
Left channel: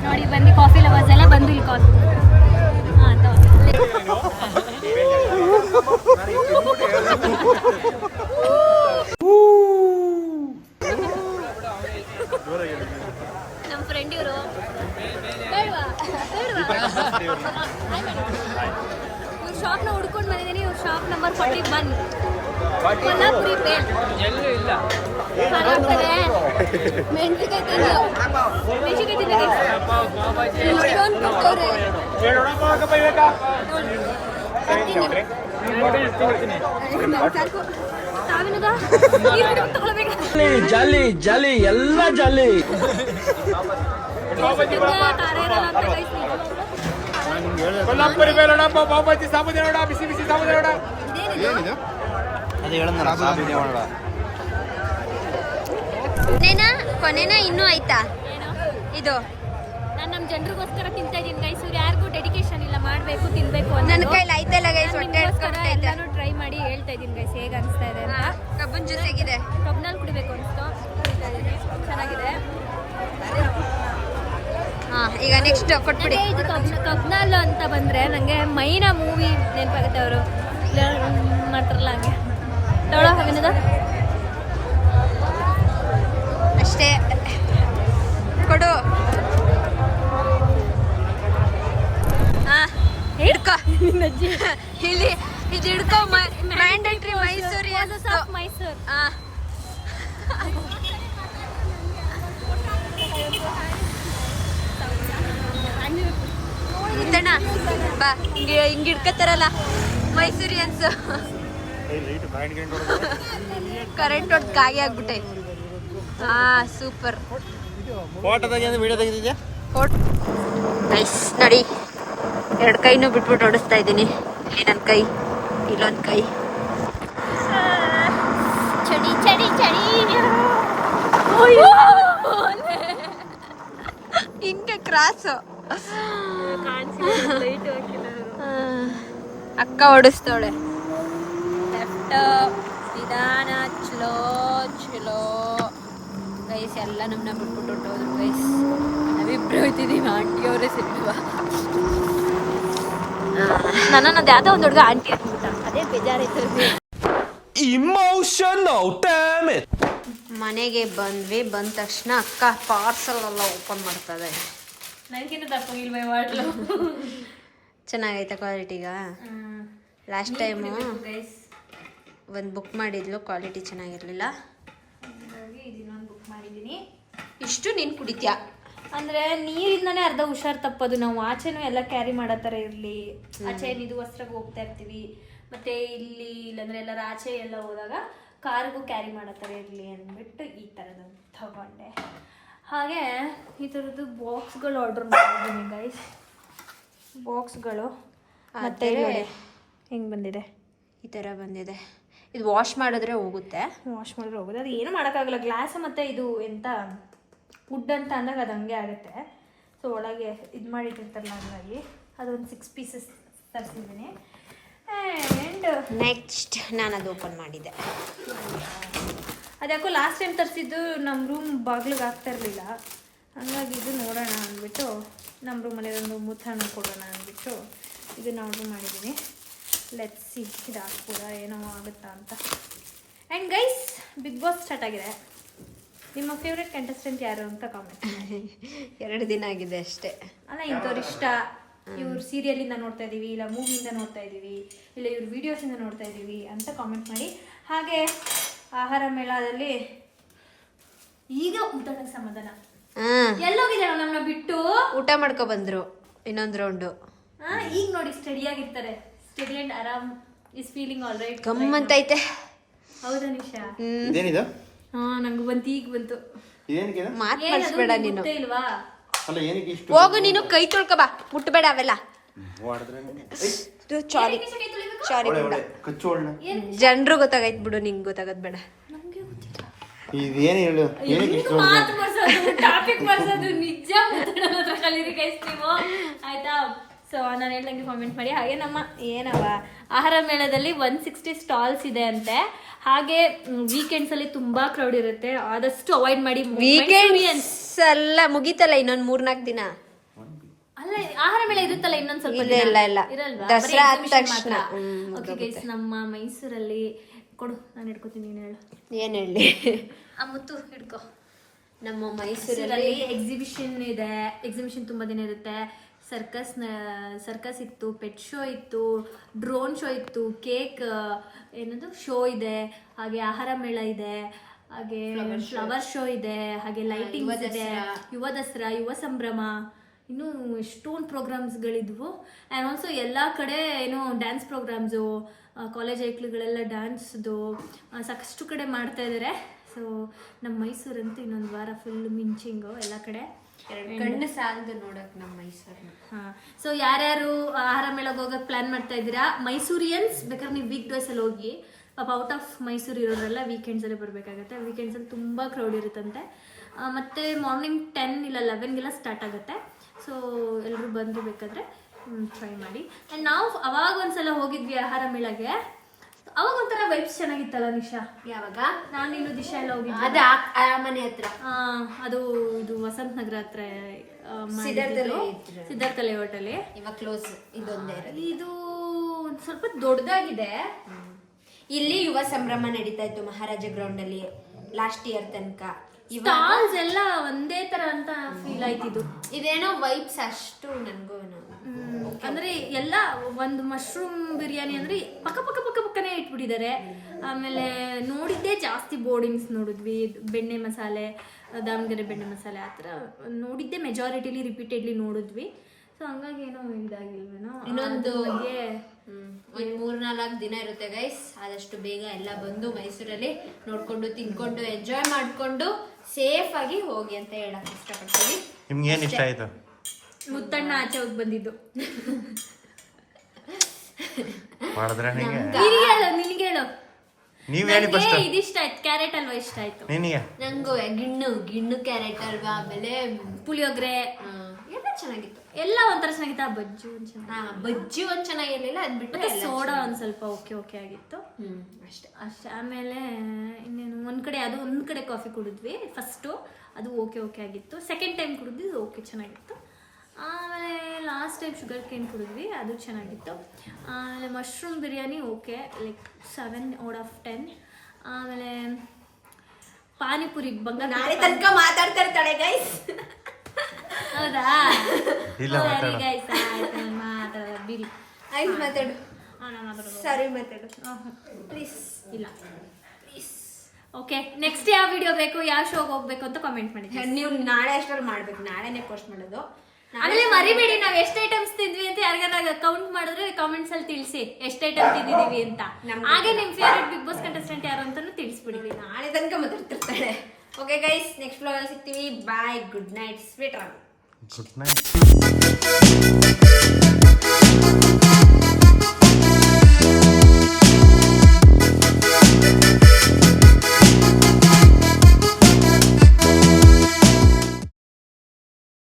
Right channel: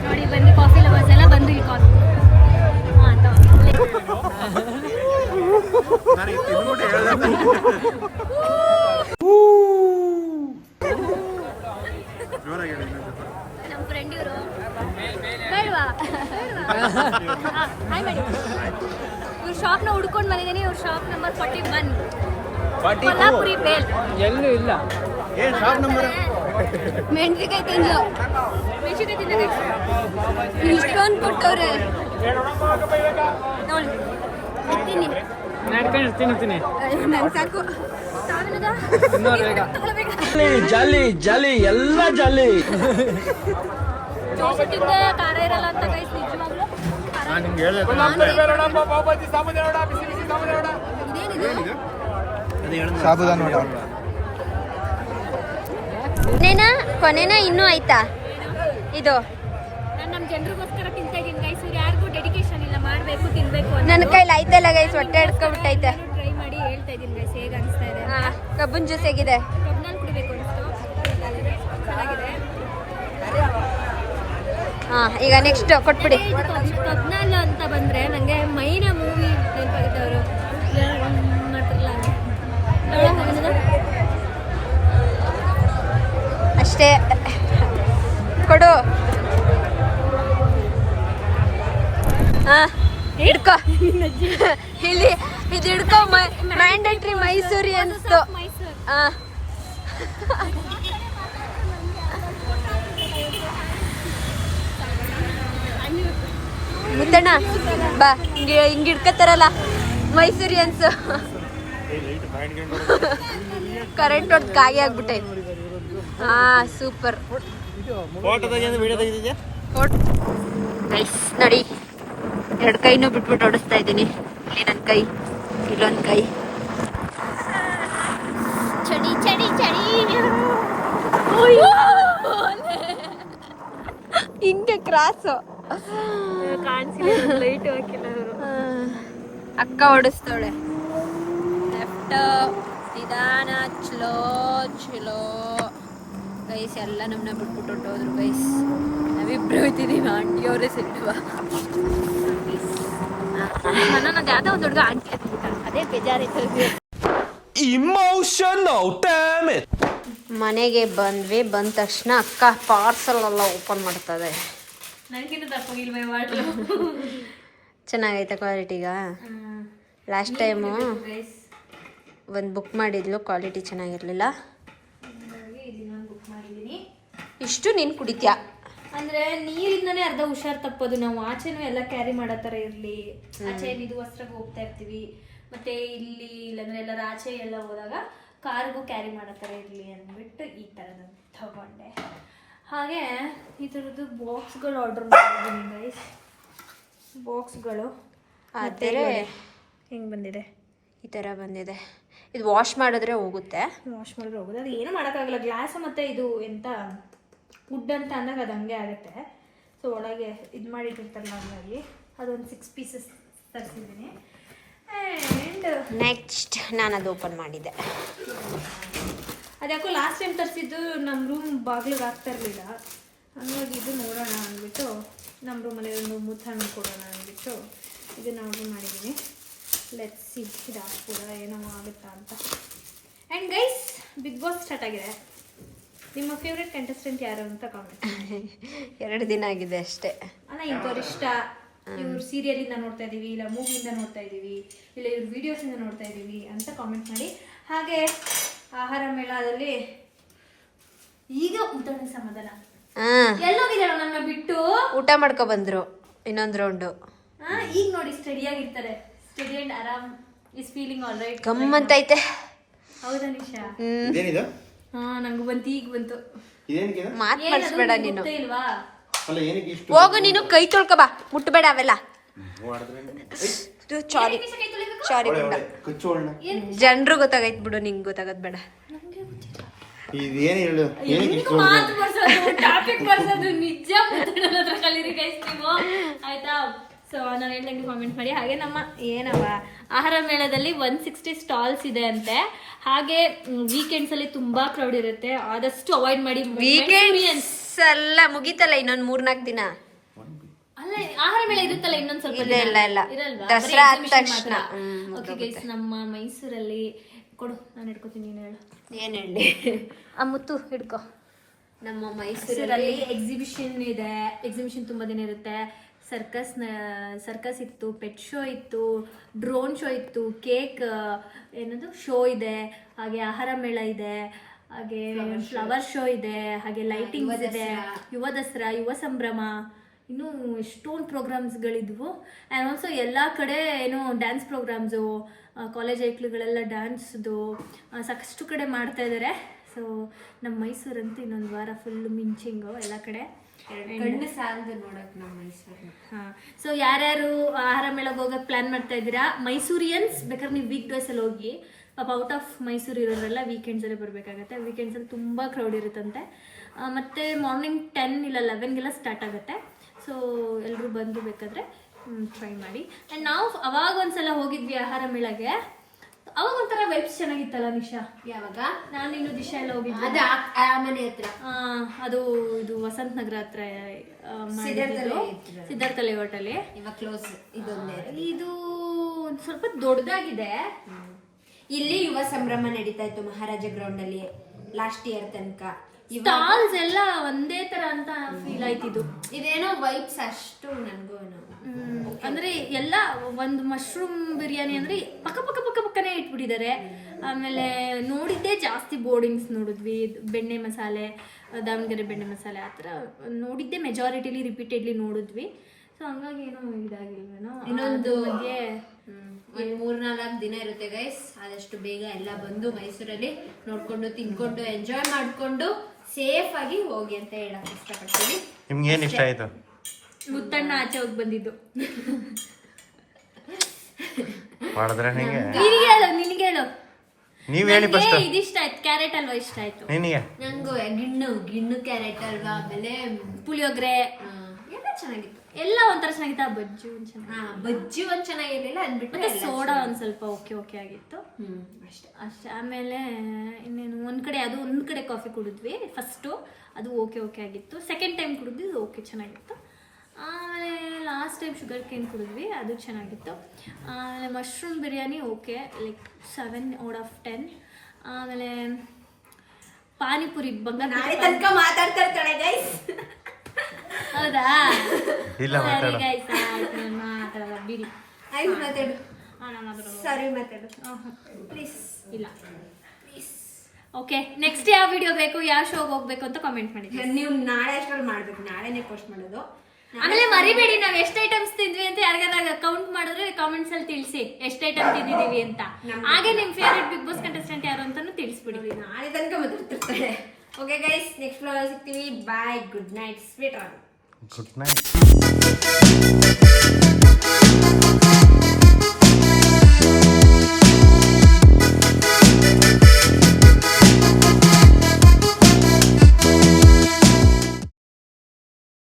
ನೋಡಿ ಬನ್ನಿ, ಕಾಫಿ ಲವರ್ಸ್ ಎಲ್ಲ ಬಂದು ಇಲ್ಲಿ ಕಾಫಿ. ನಮ್ಮ ಫ್ರೆಂಡ್ ಇವರು ಇವ್ರ ಶಾಪ್ನ ಹುಡ್ಕೊಂಡು ಬಂದಿದ್ದಾನೆ. ಇವ್ರ ಶಾಪ್ ನಂಬರ್ 40 ಬನ್ನಿ. ಕೊಲ್ಲಾಪುರಿ ಬೇಲ್ ಎಲ್ಲೂ ಇಲ್ಲ. ಮೆಣಸಿಕಾಯಿ ತಿನ್ನೋದು ಇಷ್ಟೊಂದು ಕೊಟ್ಟವ್ರೆ ನೋಡಿ. ಜಾಲಿ ಜಾಲಿ ಎಲ್ಲ ಜಾಲಿ. ಖಾರ ಇರಲ್ಲ ಅಂತ ಗೈಸ್, ಕೊನೆನ ಇನ್ನೂ ಆಯ್ತಾ ಇದು? ನಾನು ನಮ್ಮ ಜನರಿಗೋಸ್ಕರ ತಿಂತಾ ಇದ್ದೀನಿ ಗೈಸ್. ಯಾರಿಗೂ ಡೆಡಿಕೇಶನ್ ಇಲ್ಲ, ಮಾಡಬೇಕು ತಿನ್ಬೇಕು ಅಂತ. ನನ್ನ ಕೈಲಿ ಆಯ್ತಲ್ಲ ಗೈಸ್, ಹೊಟ್ಟೆ ಹಿಡ್ಕೊಂಡ್ಬಿಟ್ಟೈತೆ. ಟ್ರೈ ಮಾಡಿ ಹೇಳ್ತಾ ಇದ್ದೀನಿ ಗೈಸ್ ಹೇಗೆ ಅನಿಸ್ತಾ ಇದೆ. ಕಬ್ಬನ್ ಜ್ಯೂಸ್ ಹೇಗಿದೆ? ಕಬ್ನಲ್ಲಿ ಕುಡಿಬೇಕು ಅನಿಸ್ತು, ಚೆನ್ನಾಗಿದೆ. ಹಾಂ ಈಗ ನೆಕ್ಸ್ಟ್ ಕೊಟ್ಬಿಡಿ. ಇದು ಕಬ್ನಾಲ್ ಅಂತ ಬಂದರೆ ನನಗೆ ಮೈನ ಮೂವಿ ನೆನಪಾಗುತ್ತೆ. ಅವರು ಮಾಡ್ತಾರಲ್ಲ ಹಂಗೆ ತಗೊಳ್ಳೋ ಏನದ ಅಷ್ಟೇ ಕೊಡು. ಹಾಂ ಹಿಡ್ಕೊ ಇಲ್ಲಿ ಇದು ಹಿಡ್ಕೊ. ಮ್ಯಾಂಡೇಟ್ರಿ ಮೈಸೂರಿ ಅನಿಸ್ತು. ಮೈಸೂರು. ಹಾಂ ಮುತ್ತಣ್ಣ ಬಾ, ಹಿಂಗೆ ಹಿಡ್ಕತ್ತಾರಲ್ಲ ಮೈಸೂರಿ ಅನ್ಸು. ಕರೆಂಟ್ ಹೊಡೆದು ಕಾಯಿ ಆಗ್ಬಿಟ್ಟೆ. ಹಾಂ ಸೂಪರ್. ನೈಸ್ ನೋಡಿ, 2 ಕೈನೂ ಬಿಟ್ಬಿಟ್ಟು ಹೊಡಿಸ್ತಾ ಇದ್ದೀನಿ. ಇಲ್ಲಿ ನನ್ನ ಕೈ, ಇಲ್ಲೊಂದು ಕೈ. ಚಳಿ ಚಳಿ ಚಳಿ. ಹಿಂಗೆ ಕ್ರಾಸು ಅಕ್ಕ ಹೊಡಿಸ್ತಾಳೆ. ಲೆಫ್ಟ್ ನಿಧಾನ, ಚಲೋ ಚಲೋ. ಗೈಸ್ ಎಲ್ಲ ನಮ್ಮನ್ನ ಬಿಟ್ಬಿಟ್ಟು ಹೊಟ್ಟೋದ್ರು ಗೈಸ್. ನಾವಿಬ್ರು ಹೋಯ್ತಿದ್ದೀವಿ, ಆಂಟಿಯವರೇ ಸಿಲ್ವಾ. ನನ್ನನ್ನು ಅದು ಯಾವುದೋ ಒಂದು ಹುಡುಗ ಆಂಟಿ ಹಾಕ್ಬಿಟ್ಟ, ಅದೇ ಬೇಜಾರಾಯ್ತು. ಮನೆಗೆ ಬಂದ್ವಿ. ಬಂದ ತಕ್ಷಣ ಅಕ್ಕ ಪಾರ್ಸಲ್ ಎಲ್ಲ ಓಪನ್ ಮಾಡ್ತದೆ. ನನಗಿಂತ ತಪ್ಪಾಗಿಲ್ವೇ ವಾಟ್ಲು. ಚೆನ್ನಾಗೈತೆ ಕ್ವಾಲಿಟಿಗ. ಲಾಸ್ಟ್ ಟೈಮು ಒಂದು ಬುಕ್ ಮಾಡಿದ್ಲು, ಕ್ವಾಲಿಟಿ ಚೆನ್ನಾಗಿರಲಿಲ್ಲ. ಇದನ್ನೊಂದು ಬುಕ್ ಮಾಡಿದ್ದೀನಿ. ಇಷ್ಟು ನೀನು ಕುಡಿತ್ಯಾ ಅಂದರೆ ನೀರಿಂದನೇ ಅರ್ಧ ಹುಷಾರು ತಪ್ಪೋದು. ನಾವು ಆಚೆನೂ ಎಲ್ಲ ಕ್ಯಾರಿ ಮಾಡೋ ಥರ ಇರಲಿ. ಆಚೆ ಇದು ವಸ್ತ್ರಕ್ಕೆ ಹೋಗ್ತಾ ಇರ್ತೀವಿ, ಮತ್ತು ಇಲ್ಲಿ ಇಲ್ಲಾಂದರೆ ಎಲ್ಲರ ಆಚೆ ಎಲ್ಲ ಹೋದಾಗ ಕಾರ್ಗೂ ಕ್ಯಾರಿ ಮಾಡೋ ಥರ ಇರಲಿ ಅಂದ್ಬಿಟ್ಟು ಈ ಥರದ ತಗೊಂಡೆ. ಹಾಗೆ ಈ ಥರದ್ದು ಬಾಕ್ಸ್ಗಳು ಆರ್ಡರ್ ಮಾಡಿದ್ದೀನಿ ಗೈಸ್. ಬಾಕ್ಸ್ಗಳು ಮತ್ತು ಹಿಂಗೆ ಬಂದಿದೆ, ಈ ಥರ ಬಂದಿದೆ. ಇದು ವಾಶ್ ಮಾಡಿದ್ರೆ ಹೋಗುತ್ತೆ. ವಾಶ್ ಮಾಡಿದ್ರೆ ಹೋಗೋದು. ಅದು ಏನೂ ಮಾಡೋಕ್ಕಾಗಲ್ಲ. ಗ್ಲಾಸ್ ಮತ್ತು ಇದು ಎಂತ ವುಡ್ ಅಂತ ಅಂದಾಗ ಅದು ಹಂಗೆ ಆಗುತ್ತೆ. ಸೊ ಒಳಗೆ ಇದು ಮಾಡಿಟ್ಟಿರ್ತಾರಲ್ಲ ಹಂಗಾಗಿ ಅದೊಂದು 6 ಪೀಸಸ್ ತರಿಸಿದ್ದೀನಿ. ಆ್ಯಂಡ್ ನೆಕ್ಸ್ಟ್ ನಾನು ಅದು ಓಪನ್ ಮಾಡಿದ್ದೆ. ಅದ್ಯಾಕೋ ಲಾಸ್ಟ್ ಟೈಮ್ ತರಿಸಿದ್ದು ನಮ್ಮ ರೂಮ್ ಬಾಗಿಲಿಗೆ ಆಗ್ತಾ ಇರಲಿಲ್ಲ. ಹಾಗಾಗಿ ಇದು ನೋಡೋಣ ಅಂದ್ಬಿಟ್ಟು ನಮ್ಮ ರೂಮಲ್ಲಿ ಒಂದು ಮುತ್ತಣ್ಣ ಕೊಡೋಣ ಅಂದ್ಬಿಟ್ಟು ಇದನ್ನು ಆರ್ಡ್ರ್ ಮಾಡಿದ್ದೀನಿ. ಲೆಟ್ಸ್ ಸಿ ಇದು ಹಾಕ್ಬೋದ ಏನೋ ಆಗುತ್ತಾ ಅಂತ. And guys, Bigg Boss start ಆಗಿದೆ. ನಿಮ್ಮ ಫೇವ್ರೆಟ್ ಕಂಟೆಸ್ಟೆಂಟ್ ಯಾರು ಅಂತ ಕಾಮೆಂಟ್. 2 ದಿನ ಆಗಿದೆ ಅಷ್ಟೇ. ಅಲ್ಲ, ಇಂಥವ್ರು ಇಷ್ಟ, ಇವ್ರು ಸೀರಿಯಲಿಂದ ನೋಡ್ತಾ ಇದ್ದೀವಿ, ಇಲ್ಲ ಮೂವಿಯಿಂದ ನೋಡ್ತಾ ಇದ್ದೀವಿ, ಇಲ್ಲ ಇವ್ರ ವೀಡಿಯೋಸಿಂದ ನೋಡ್ತಾ ಇದ್ದೀವಿ ಅಂತ ಕಾಮೆಂಟ್ ಮಾಡಿ. ಹಾಗೆ ಆಹಾರ ಮೇಳದಲ್ಲಿ ಈಗ ಊಟಕ್ಕೆ ಸಮಾಧಾನ. ಎಲ್ಲೋಗಿದ್ದಾರ ನಮ್ಮನ್ನ ಬಿಟ್ಟು ಊಟ ಮಾಡ್ಕೊ ಬಂದ್ರು ಇನ್ನೊಂದು ರೌಂಡು. ಈಗ ನೋಡಿ ಸ್ಟಡಿ ಆಗಿರ್ತಾರೆ. ಸ್ಟಡಿ ಅಂಡ್ ಆರಾಮ್ ಇಸ್ ಫೀಲಿಂಗ್ ಆಲ್ ರೈಟ್. ಗಮ್ಮಂತೈತೆ. ಹೌದಾ ನಿಶಾ? ಇದೇನಿದು? ನಂಗೆ ಬಂತು, ಈಗ ಬಂತು. ಇದೇನಿಗೆ? ಮಾತು ಮಾಡಿಸ್ಬೇಡ ನೀನು. ಗೊತ್ತೇ ಇಲ್ವಾ? ಅಲ್ಲ ಏನಕ್ಕೆ ಇಷ್ಟು? ಹೋಗು ನೀನು, ಕೈ ತೊಳ್ಕೊ ಬಾ, ಮುಟ್ಟಬೇಡ ಅವೆಲ್ಲ. ಸಾರಿ ಸಾರಿ ಕಚ್ಚೋಳ್ನ ಜನರು ಗೊತ್ತಾಗೈತ್ ಬಿಡು, ನಿಂಗೆ ಗೊತ್ತಾಗದ್ ಬೇಡ. ಇದೇನು ಹೇಳು, ಏನಕ್ಕೆ ಇಷ್ಟು? ಮಾತು ಬರ್ಸೋದು, ಟಾಪಿಕ್ ಬರ್ಸೋದು ನಿಜ ಮಾತಾಡೋದ್ರ ಕಲೀರಿ ಗೈಸ್ ನೀವು, ಆಯ್ತಾ? ಸೊ ನಾನು ಹೇಳ್ದಂಗೆ ಕಾಮೆಂಟ್ ಮಾಡಿ. ಹಾಗೆ ನಮ್ಮ ಏನವ ಆಹಾರ ಮೇಳದಲ್ಲಿ 160 ಸ್ಟಾಲ್ಸ್ ಇದೆ ಅಂತೆ. ಹಾಗೆ ವೀಕೆಂಡ್ಸಲ್ಲಿ ತುಂಬ ಕ್ರೌಡ್ ಇರುತ್ತೆ, ಆದಷ್ಟು ಅವಾಯ್ಡ್ ಮಾಡಿ. ವೀಕೆಂಡ್ಸ್ ಎಲ್ಲ ಮುಗೀತಲ್ಲ, ಇನ್ನೊಂದು 3-4 ದಿನ. ಅಲ್ಲ, ಆಹಾರ ಮೇಳ ಇರುತ್ತಲ್ಲ ಇನ್ನೊಂದು ಸ್ವಲ್ಪ ಇಲ್ಲ ಇಲ್ಲ ಇಲ್ಲ, ಇರಲ್ವಾ? ದಸರಾ ಆದ ತಕ್ಷಣ. ಓಕೆ ಗೈಸ್, ನಮ್ಮ ಮೈಸೂರಲ್ಲಿ ಕೊಡು, ನಾನು ಹಿಡ್ಕೊತೀನಿ, ನೀನು ಹೇಳು. ಏನು ಹೇಳಿ? ಆ ಮುತ್ತು ಹಿಡ್ಕೊ. ನಮ್ಮ ಮೈಸೂರಲ್ಲಿ ಎಕ್ಸಿಬಿಷನ್ ಇದೆ. ಎಕ್ಸಿಬಿಷನ್ ತುಂಬ ದಿನ ಇರುತ್ತೆ. ಸರ್ಕಸ್ ಇತ್ತು, ಪೆಟ್ ಶೋ ಇತ್ತು, ಡ್ರೋನ್ ಶೋ ಇತ್ತು, ಕೇಕ್ ಏನದು ಶೋ ಇದೆ, ಹಾಗೆ ಆಹಾರ ಮೇಳ ಇದೆ, ಹಾಗೆ ಫ್ಲವರ್ ಶೋ ಇದೆ, ಹಾಗೆ ಲೈಟಿಂಗ್ಸ್ ಇದೆ, ಯುವ ದಸರಾ, ಯುವ ಸಂಭ್ರಮ, ಇನ್ನೂ ಎಷ್ಟೊಂದು ಪ್ರೋಗ್ರಾಮ್ಸ್ಗಳಿದ್ವು. ಆ್ಯಂಡ್ ಆಲ್ಸೋ ಎಲ್ಲ ಕಡೆ ಏನೋ ಡ್ಯಾನ್ಸ್ ಪ್ರೋಗ್ರಾಮ್ಸು, ಕಾಲೇಜ್ ಐಕ್ಳುಗಳೆಲ್ಲ ಡ್ಯಾನ್ಸ್ದು ಸಾಕಷ್ಟು ಕಡೆ ಮಾಡ್ತಾ ಇದ್ದಾರೆ. ಸೊ ನಮ್ಮ ಮೈಸೂರಂತೂ ಇನ್ನೊಂದು ವಾರ ಫುಲ್ ಮಿಂಚಿಂಗು ಎಲ್ಲ ಕಡೆ. ಗಂಡು ಸಾಲದು ನೋಡಕ್ ನಮ್ಮ ಮೈಸೂರು. ಹಾಂ, ಸೊ ಯಾರ್ಯಾರು ಆಹಾರ ಮೇಳಕ್ಕೆ ಹೋಗೋಕೆ ಪ್ಲ್ಯಾನ್ ಮಾಡ್ತಾ ಇದ್ದೀರಾ, ಮೈಸೂರಿಯನ್ಸ್ ಬೇಕಾದ್ರೆ ನೀವು ವೀಕ್ ಡೇಸಲ್ಲಿ ಹೋಗಿ. ಪಾಪ ಔಟ್ ಆಫ್ ಮೈಸೂರು ಇರೋರೆಲ್ಲ ವೀಕೆಂಡ್ಸಲ್ಲೇ ಬರಬೇಕಾಗತ್ತೆ. ವೀಕೆಂಡ್ಸಲ್ಲಿ ತುಂಬ ಕ್ರೌಡ್ ಇರುತ್ತಂತೆ. ಮತ್ತು ಮಾರ್ನಿಂಗ್ 10 ಇಲ್ಲ 11ಗೆಲ್ಲ ಸ್ಟಾರ್ಟ್ ಆಗುತ್ತೆ. ಸೊ ಎಲ್ಲರೂ ಬಂದು ಬೇಕಾದರೆ ಟ್ರೈ ಮಾಡಿ. ಆ್ಯಂಡ್ ನಾವು ಅವಾಗ ಒಂದ್ಸಲ ಹೋಗಿದ್ವಿ ಆಹಾರ ಮೇಳಗೆ. ಅವಾಗ ಒಂಥರ ವೈಬ್ಸ್ ಚೆನ್ನಾಗಿತ್ತಲ್ಲ ನಿಶಾ. ಯಾವಾಗ ನಾನು ಇನ್ನು ದಿಶಾ ಎಲ್ಲ ಹೋಗಿದ್ದೆ. ಅದೇ ಆ ಮನೆ ಹತ್ರ ಅದು ಇದು ವಸಂತ ನಗರ ಹತ್ರ ಮಾಡಿದ್ದು, ಸಿದ್ಧಾರ್ಥ ಲೇಔಟ್ ಅಲ್ಲಿ. ಇವಾಗ ಕ್ಲೋಸ್. ಇದೊಂದೇ ಇದು ಒಂದ್ ಸ್ವಲ್ಪ ದೊಡ್ಡದಾಗಿದೆ. ಇಲ್ಲಿ ಯುವ ಸಂಭ್ರಮ ನಡೀತಾ ಇತ್ತು ಮಹಾರಾಜ ಗ್ರೌಂಡ್ ಅಲ್ಲಿ ಲಾಸ್ಟ್ ಇಯರ್ ತನಕ. ಸ್ಟಾಲ್ಸ್ ಎಲ್ಲ ಒಂದೇ ತರ ಅಂತ ಫೀಲ್ ಆಯ್ತಿದ್ದು. ಇದೇನೋ ವೈಬ್ಸ್ ಅಷ್ಟು ನನ್ಗೂ ಅಂದ್ರೆ ಎಲ್ಲ ಒಂದು ಮಶ್ರೂಮ್ ಬಿರಿಯಾನಿ ಅಂದ್ರೆ ಪಕ್ಕ ಪಕ್ಕ ಪಕ್ಕ ಪಕ್ಕನೇ ಇಟ್ಬಿಟ್ಟಿದ್ದಾರೆ. ಆಮೇಲೆ ನೋಡಿದ್ದೆ ಜಾಸ್ತಿ ಬೋರ್ಡಿಂಗ್ಸ್ ನೋಡಿದ್ವಿ, ಬೆಣ್ಣೆ ಮಸಾಲೆ, ದಾವಣಗೆರೆ ಬೆಣ್ಣೆ ಮಸಾಲೆ ಆ ಥರ ನೋಡಿದ್ದೆ ಮೆಜಾರಿಟಿಲಿ ರಿಪೀಟೆಡ್ಲಿ ನೋಡಿದ್ವಿ. ಸೊ ಹಂಗಾಗಿ ಏನೋ ಇದಾಗಿಲ್ವೇನೋ. ಇನ್ನೊಂದು ಬಗ್ಗೆ ಒಂದು 3-4 ದಿನ ಇರುತ್ತೆ ಗೈಸ್. ಆದಷ್ಟು ಬೇಗ ಎಲ್ಲ ಬಂದು ಮೈಸೂರಲ್ಲಿ ನೋಡ್ಕೊಂಡು ತಿನ್ಕೊಂಡು ಎಂಜಾಯ್ ಮಾಡ್ಕೊಂಡು ಸೇಫ್ ಆಗಿ ಹೋಗಿ ಅಂತ ಹೇಳಕ್ ಇಷ್ಟಪಡ್ತೀನಿ. ನಿಮ್ಗೆ ಏನ್ ಇಷ್ಟ ಆಯ್ತು? ಮುತ್ತಣ್ಣ ಆಚೆ ಹೋಗಿ ಬಂದಿದ್ದು. ಮಾಡಿದ್ರೆ ನಿಂಗೆ ನಿನಗೆ ಹೇಳು. ನೀವ್ ಹೇಳಿ ಫಸ್ಟ್. ಇದಿಷ್ಟ ಆಯ್ತು, ಕ್ಯಾರೆಟ್ ಹಲ್ವಾ ಇಷ್ಟ ಆಯ್ತು ನಿನಗೆ? ನಂಗೂ ಗಿಣ್ಣು ಕ್ಯಾರೆಟ್ ಅಲ್ವಾ, ಆಮೇಲೆ ಪುಳಿಯೋಗರೆ ಎಲ್ಲ ಚೆನ್ನಾಗಿತ್ತು. ಎಲ್ಲ ಒಂಥರ ಚೆನ್ನಾಗಿತ್ತು. ಆ ಬಜ್ಜಿ ಒಂದ್ ಚೆನ್ನಾಗಿ, ಬಜ್ಜಿ ಒಂದ್ ಚೆನ್ನಾಗಿರ್ಲಿಲ್ಲ ಮತ್ತೆ ಸೋಡಾ ಒಂದ್ ಸ್ವಲ್ಪ ಓಕೆ ಆಗಿತ್ತು ಅಷ್ಟೇ. ಆಮೇಲೆ ಇನ್ನೇನು ಒಂದ್ ಕಡೆ ಕಾಫಿ ಕುಡಿದ್ವಿ ಫಸ್ಟು, ಅದು ಓಕೆ ಆಗಿತ್ತು. ಸೆಕೆಂಡ್ ಟೈಮ್ ಕುಡಿದ್ವಿ, ಓಕೆ ಚೆನ್ನಾಗಿತ್ತು. ಆಮೇಲೆ ಲಾಸ್ಟ್ ಟೈಮ್ ಶುಗರ್ ಕೇನ್ ಕುಡಿದ್ವಿ, ಅದು ಚೆನ್ನಾಗಿತ್ತು. ಆಮೇಲೆ ಮಶ್ರೂಮ್ ಬಿರಿಯಾನಿ ಓಕೆ, ಲೈಕ್ 7/10. ಆಮೇಲೆ ಪಾನಿಪುರಿ ನಾಳೆ ತನಕ ಮಾತಾಡ್ತಾ ಇರ್ತಾಳೆ ಗೈಸ್. ಹೌದಾ? ಇಲ್ಲ, ಮಾತಾಡು. ಗೈಸ್ ಆಯ್ತು, ನಾನು ಮಾತಾಡೋದ ಬಿಡಿ. ಆಯ್ತು ಮಾತಾಡು. ನಾನು ಮಾತಾಡೋದು. ಸಾರಿ ಮಾತಾಡು ಪ್ಲೀಸ್. ಇಲ್ಲ ಓಕೆ. ನೆಕ್ಸ್ಟ್ ಯಾವ ವಿಡಿಯೋ ಬೇಕು, ಯಾವ ಶೋಗೆ ಹೋಗ್ಬೇಕು ಅಂತ ಕಾಮೆಂಟ್ ಮಾಡಿ. ನೀವು ನಾಳೆ ಅಷ್ಟರಲ್ಲಿ ಮಾಡ್ಬೇಕು, ನಾಳೆನೇ ಪೋಸ್ಟ್ ಮಾಡೋದು. ಆಮೇಲೆ ಮರಿಬೇಡಿ, ನಾವ್ ಎಷ್ಟು ಐಟಮ್ಸ್ ತಿಂದ್ವಿ ಅಂತ ಯಾರಿಗಾರ ಕೌಂಟ್ ಮಾಡಿದ್ರೆ ಕಾಮೆಂಟ್ಸ್ ಅಲ್ಲಿ ತಿಳಿಸಿ ಎಷ್ಟು ಐಟಮ್ ತಿಂದಿದೀವಿ ಅಂತ. ಹಾಗೆ ನಿಮ್ ಫೇವರೇಟ್ ಬಿಗ್ ಬಾಸ್ ಕಂಟೆಸ್ಟೆಂಟ್ ಯಾರು ಅಂತಾನು ತಿಳಿಸ್ಬಿಡಿ. ನಾಳೆ ತನಕ ಮಾತಾಡ್ತಿರ್ತಾಳೆ. ಓಕೆ ಗೈಸ್, ನೆಕ್ಸ್ಟ್ ವ್ಲಾಗ್ ಸಿಗ್ತೀವಿ. Bye, good night, sweet. Good night.